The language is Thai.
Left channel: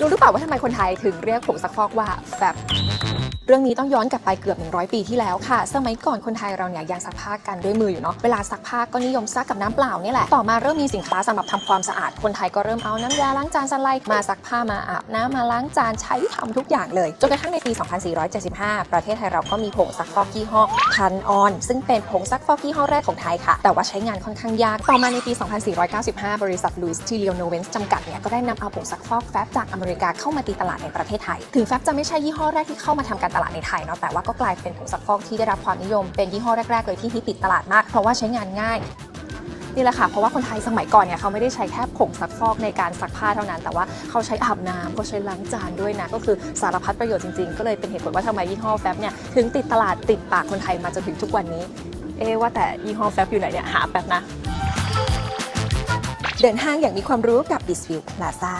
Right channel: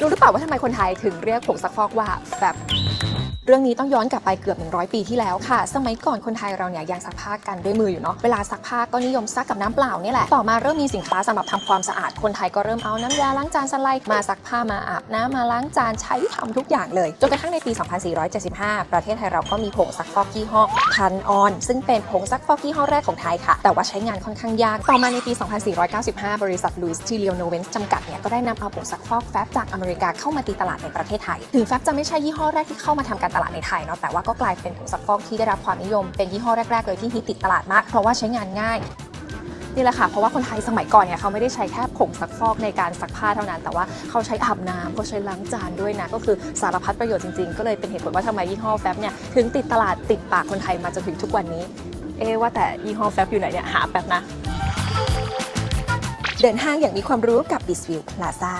รู้หรือเปล่าว่าทำไมคนไทยถึงเรียกผงซักฟอกว่าแฟบเรื่องนี้ต้องย้อนกลับไปเกือบ 100 ปีที่แล้วค่ะ สมัยก่อนคนไทยเราเนี่ยยังซักผ้ากันด้วยมืออยู่เนาะ เวลาซักผ้าก็นิยมซักกับน้ำเปล่านี่แหละ ต่อมาเริ่มมีสินค้าสำหรับทำความสะอาด คนไทยก็เริ่มเอาน้ำยาล้างจานสไลด์มาซักผ้ามาอาบน้ำมาล้างจานใช้ทำทุกอย่างเลย จนกระทั่งในปี 2475 ประเทศไทยเราก็มีผงซักฟอกยี่ห้อพันออน ซึ่งเป็นผงซักฟอกยี่ห้อแรกของไทยค่ะ แต่ว่าใช้งานค่อนข้างยาก ต่อมาในปี 2495 บริษัทลุยส์ทีเลียโนเวนจำกัดเนี่ยก็ได้นำเอาผงซักฟอกแฟบจากอเมริกาเข้ามาตีตลาดในประเทศไทย ถึงแฟบจะไม่ใช่ยี่ห้อแรกที่เข้ามาทำการตลาดในไทยเนาะแต่ว่าก็กลายเป็นผงซักฟอกที่ได้รับความนิยม เป็นยี่ห้อแรกๆเลยที่ฮิตติดตลาดมากเพราะว่าใช้งานง่ายนี่แหละค่ะเพราะว่าคนไทยสมัยก่อนเนี่ยเขาไม่ได้ใช้แค่ผงซักฟอกในการซักผ้าเท่านั้น แต่ว่าเขาใช้อาบน้ำเขาใช้ล้างจานด้วยนะ ก็คือสารพัดประโยชน์จริงๆ ก็เลยเป็นเหตุผลว่าทำไมยี่ห้อแฟบเนี่ยถึงติดตลาดติดปากคนไทยมาจนถึงทุกวันนี้ เอ๊ว่าแต่ยี่ห้อแฟบอยู่ไหนเนี่ยหาแป๊บนะ เดินทางอย่างมีความรู้กับ d i s v i e w Plaza